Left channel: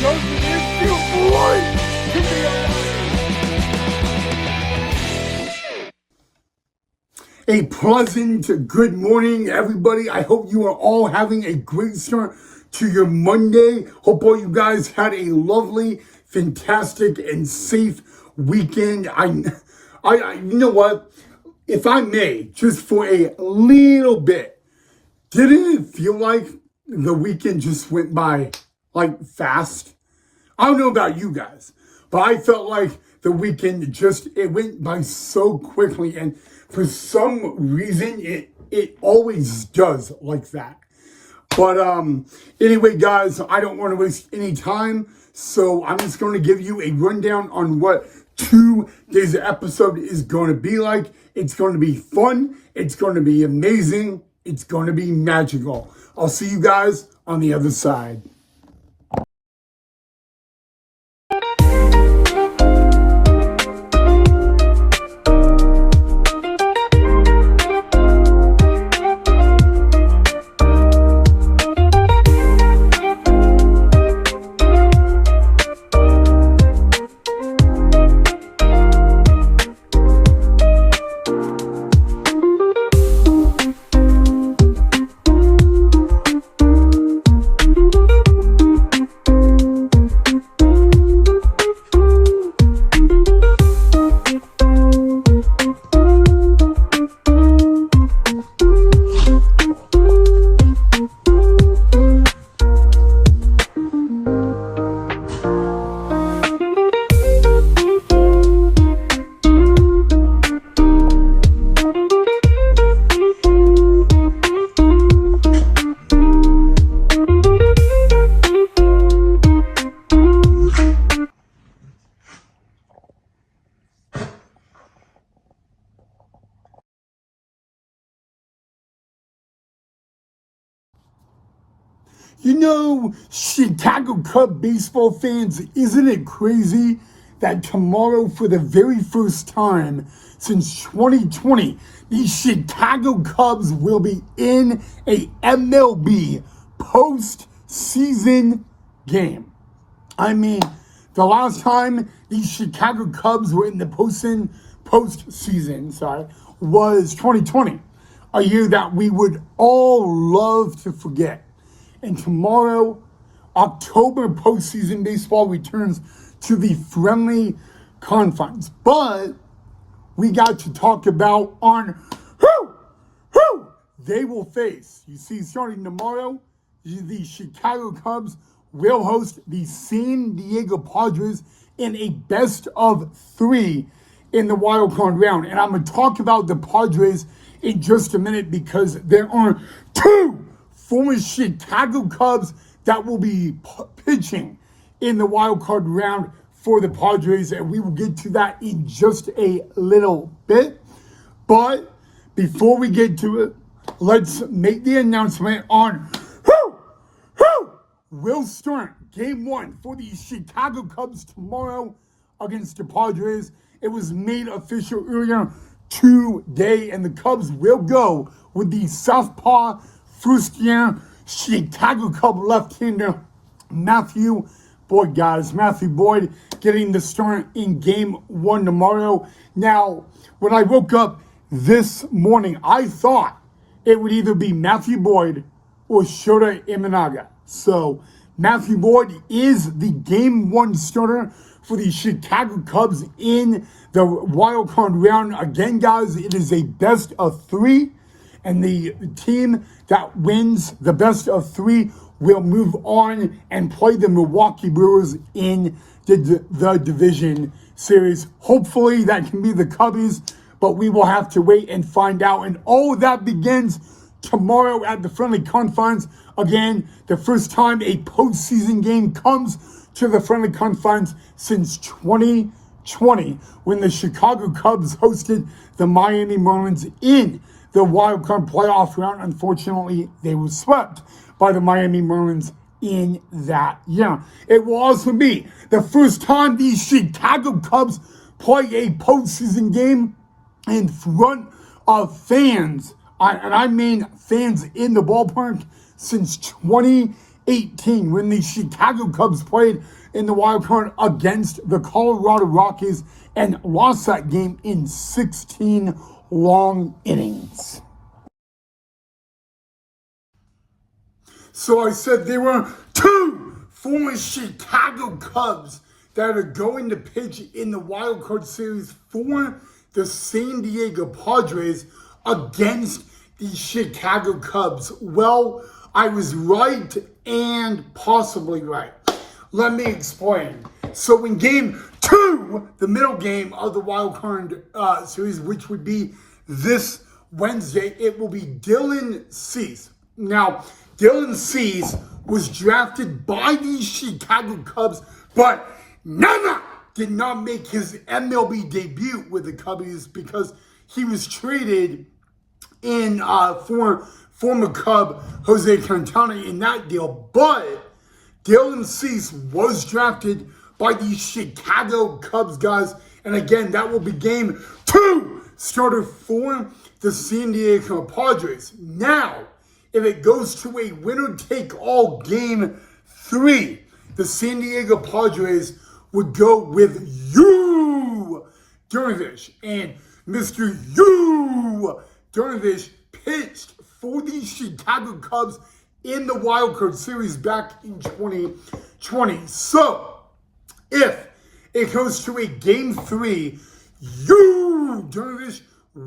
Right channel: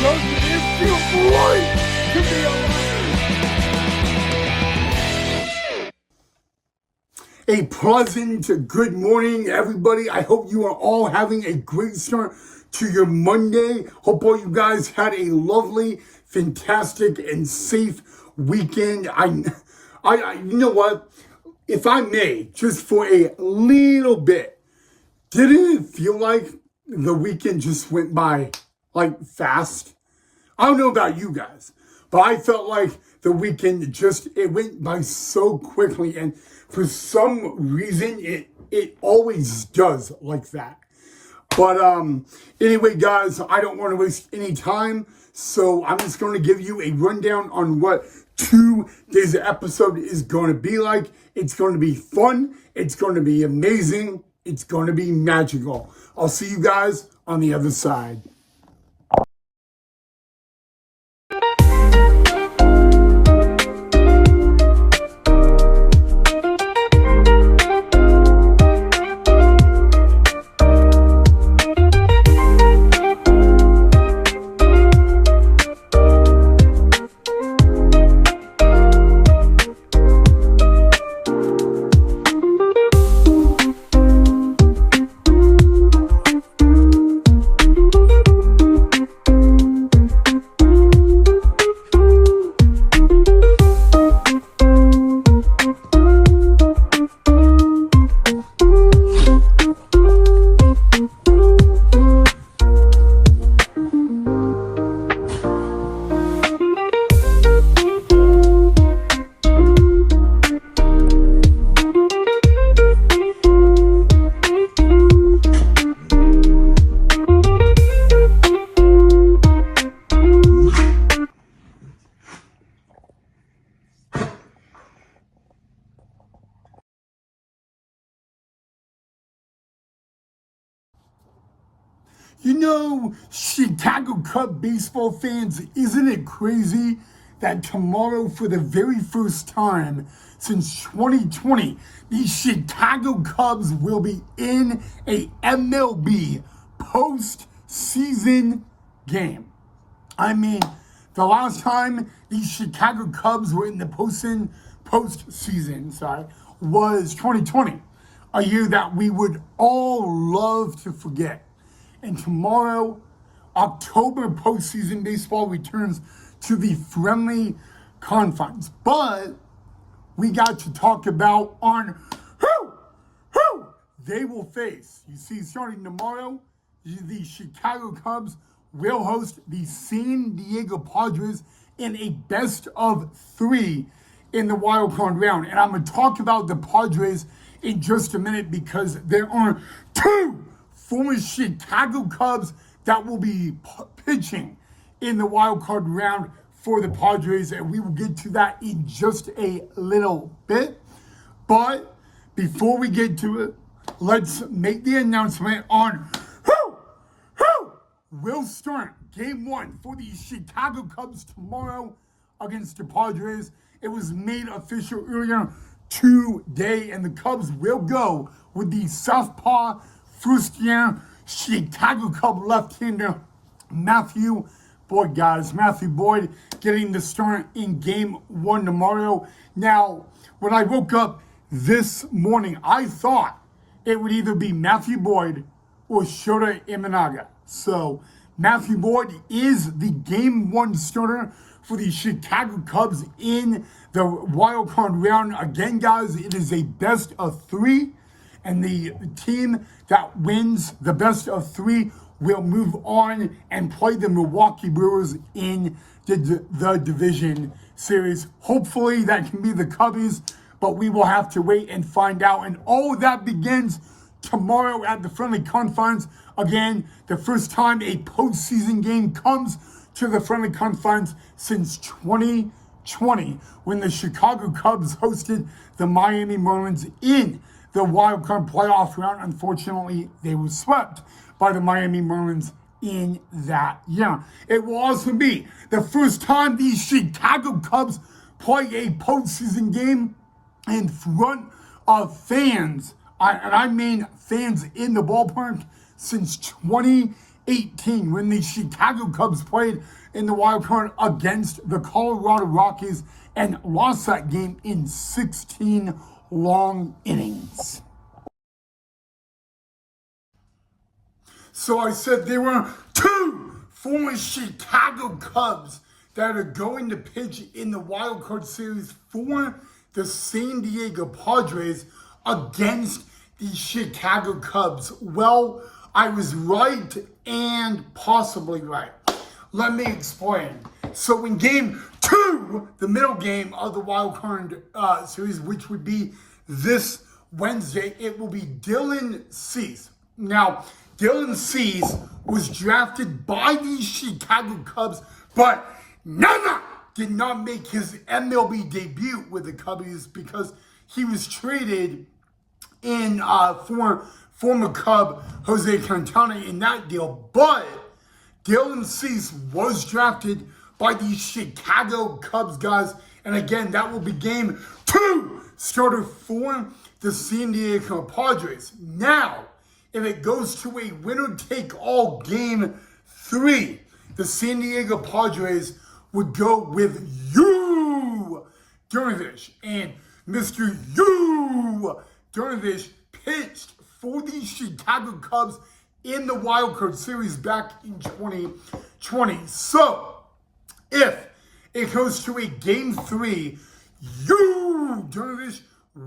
Doesn't it feel great to be alive? A pleasant good morning, everybody. I hope you are all having a great start to your Monday. Hope all you guys had a lovely, fantastic, and safe weekend. I you know what? If I may, just for a little bit, didn't it feel like the weekend just went by like fast? I don't know about you guys, but I felt like the weekend it went by so quickly, and for some reason it always does like that. But anyway, guys, I don't want to waste any time, so I'm just going to give you a rundown on what today's episode is going to be like. It's going to be fun. It's going to be amazing. It's going to be magical. I'll see you guys on the other side. You know, Chicago Cub baseball fans, isn't it crazy that tomorrow, for the very first time since 2020, the Chicago Cubs will be in a MLB postseason game? I mean, the last time the Chicago Cubs were in the postseason, was 2020, a year that we would all love to forget. And tomorrow, October postseason baseball returns to the friendly confines. But we got to talk about on who they will face. You see, starting tomorrow, the Chicago Cubs will host the San Diego Padres in a best of three in the wild card round. And I'm going to talk about the Padres in just a minute because there are two former Chicago Cubs that will be pitching in the wild card round for the Padres, and we will get to that in just a little bit. But before we get to it, let's make the announcement on who will start game one for the Chicago Cubs tomorrow against the Padres. It was made official earlier today, and the Cubs will go with the southpaw first-year Chicago Cub left-hander Matthew Boyd, guys. Matthew Boyd getting the start in game one tomorrow. Now, when I woke up this morning, I thought it would either be Matthew Boyd or Shota Imanaga. So, Matthew Boyd is the game one starter for the Chicago Cubs in the wild card round. Again, guys, it is a best of three, and the team that wins the best of three will move on and play the Milwaukee Brewers in the division series. Hopefully that can be the Cubbies, but we will have to wait and find out. And all of that begins tomorrow at the friendly confines. Again, the first time a postseason game comes to the friendly confines since 2020, when the Chicago Cubs hosted the Miami Marlins in the wild card playoff round. Unfortunately, they were swept by the Miami Marlins in that year. It will also be the first time the Chicago Cubs play a postseason game in front of fans, and I mean fans in the ballpark, since 2018. 2018 when the Chicago Cubs played in the wild card against the Colorado Rockies and lost that game in 16 long innings. So I said there were two former Chicago Cubs that are going to pitch in the wild card series for the San Diego Padres against the Chicago Cubs. Well, I was right and possibly right. Let me explain. So in game 2, the middle game of the wild card series, which would be this Wednesday, it will be Dylan Cease. Now, Dylan Cease was drafted by the Chicago Cubs, but never did not make his MLB debut with the Cubbies because he was traded in for former Cub Jose Quintana in that deal. But Dylan Cease was drafted by the Chicago Cubs, guys. And again, that will be game 2 starter for the San Diego Padres. Now, if it goes to a winner-take-all game 3, the San Diego Padres would go with Yu Darvish. And Mr. Yu Darvish pitched for the Chicago Cubs in the Wild Card Series back in 2020. So, if it goes to a game 3, Yu Darvish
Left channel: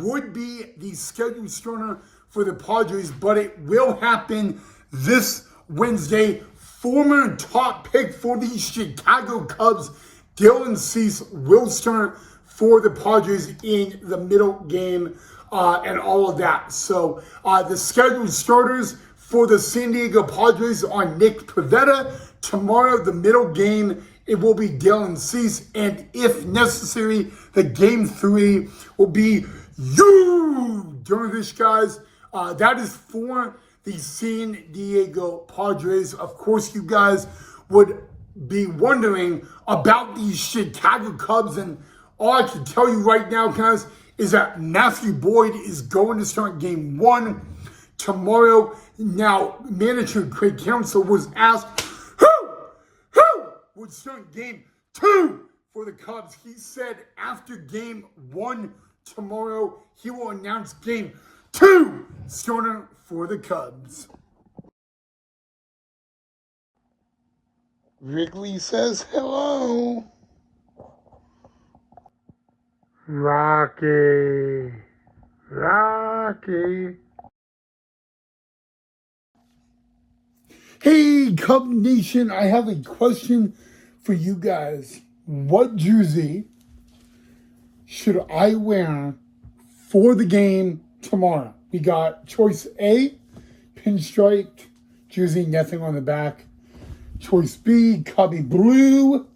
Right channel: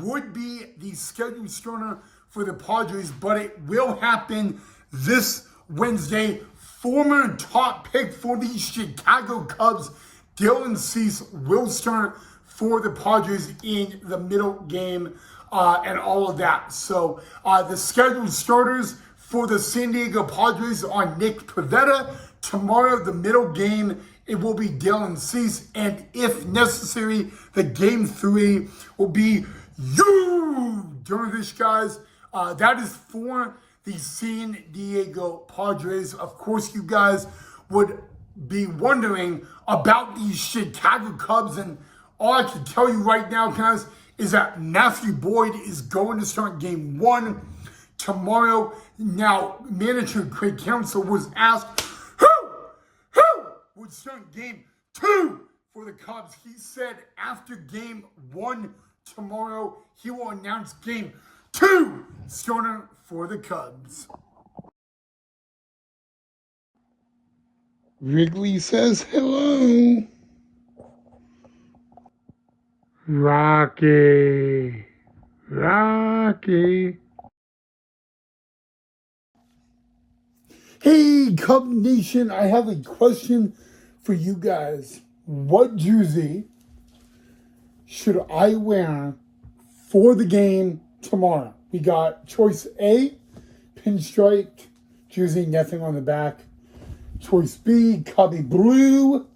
would be the scheduled starter for the Padres, but it will happen this Wednesday. Former top pick for the Chicago Cubs, Dylan Cease, will start for the Padres in the middle game and all of that. So the scheduled starters for the San Diego Padres are Nick Pivetta. Tomorrow, the middle game, it will be Dylan Cease. And if necessary, the game 3 will be Yu Darvish, guys. That is for the San Diego Padres. Of course, you guys would be wondering about these Chicago Cubs, and all I can tell you right now, guys, is that Matthew Boyd is going to start game 1 tomorrow. Now, manager Craig Counsell was asked who would start game 2 for the Cubs. He said after game 1 tomorrow, he will announce game 2 starter for the Cubs. Wrigley says hello. Rocky. Hey, Cub Nation, I have a question for you guys. What jersey should I wear for the game tomorrow? We got choice A, pinstriped jersey, nothing on the back. Choice B, Cubby blue,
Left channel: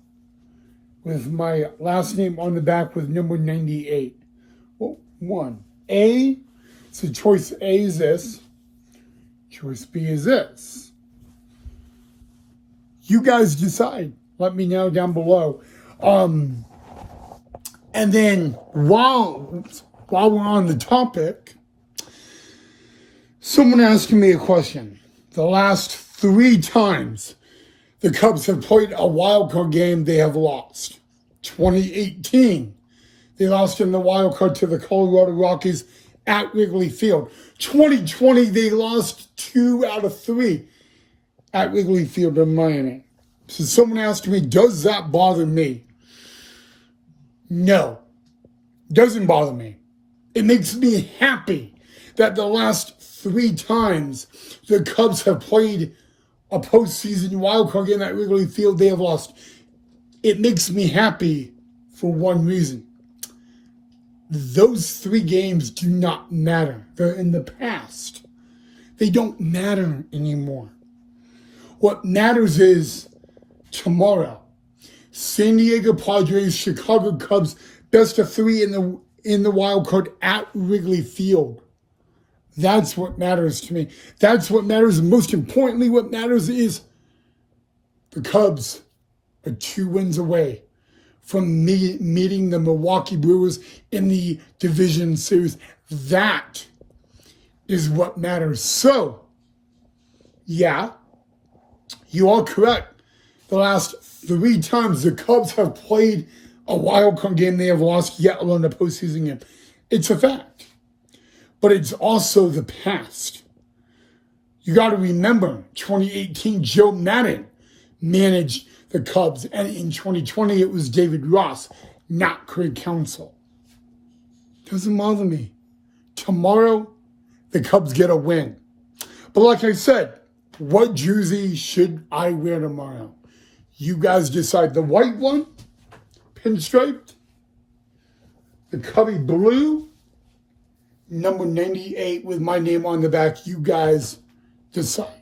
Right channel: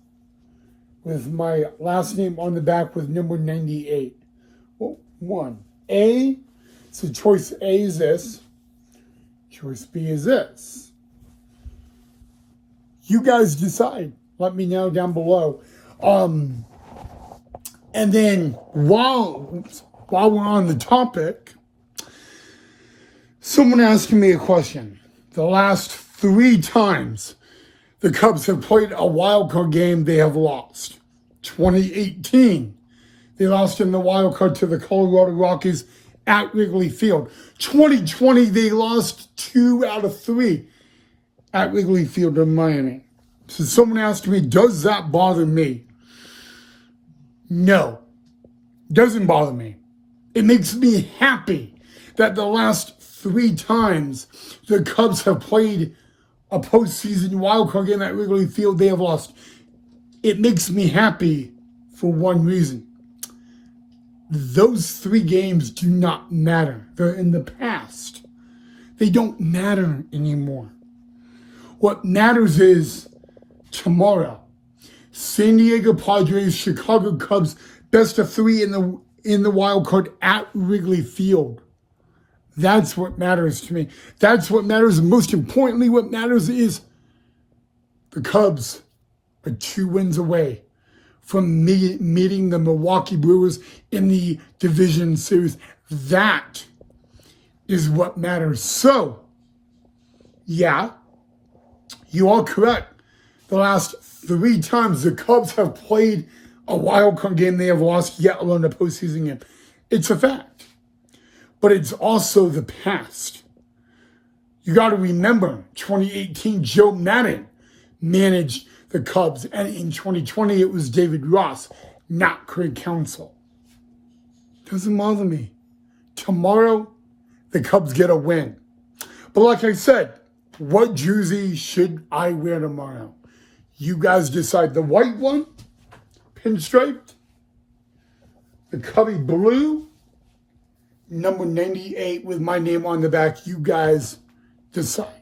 with my last name on the back with number 98. Well, 1. A, so choice A is this. Choice B is this. You guys decide. Let me know down below. And then while we're on the topic, someone asked me a question. The last 3 times the Cubs have played a wild card game, they have lost. 2018, they lost in the wild card to the Colorado Rockies at Wrigley Field. 2020, they lost 2 out of 3 at Wrigley Field in Miami. So someone asked me, does that bother me? No, doesn't bother me. It makes me happy that the last 3 times the Cubs have played a postseason wildcard game at Wrigley Field, they have lost. It makes me happy for one reason. Those 3 games do not matter. They're in the past. They don't matter anymore. What matters is tomorrow. San Diego Padres, Chicago Cubs, best of 3 in the wild card at Wrigley Field. That's what matters to me. That's what matters. And most importantly, what matters is the Cubs are 2 wins away from meeting the Milwaukee Brewers in the division series. That is what matters. So, yeah, You are correct. The last 3 times the Cubs have played a wild card game, they have lost, yet alone a postseason game. It's a fact. But it's also the past. You got to remember, 2018, Joe Madden managed the Cubs, and in 2020, it was David Ross, not Craig Counsell. Doesn't bother me. Tomorrow, the Cubs get a win. But like I said, what jersey should I wear tomorrow? You guys decide. The white one, pinstriped, the Cubby blue, number 98 with my name on the back. You guys decide.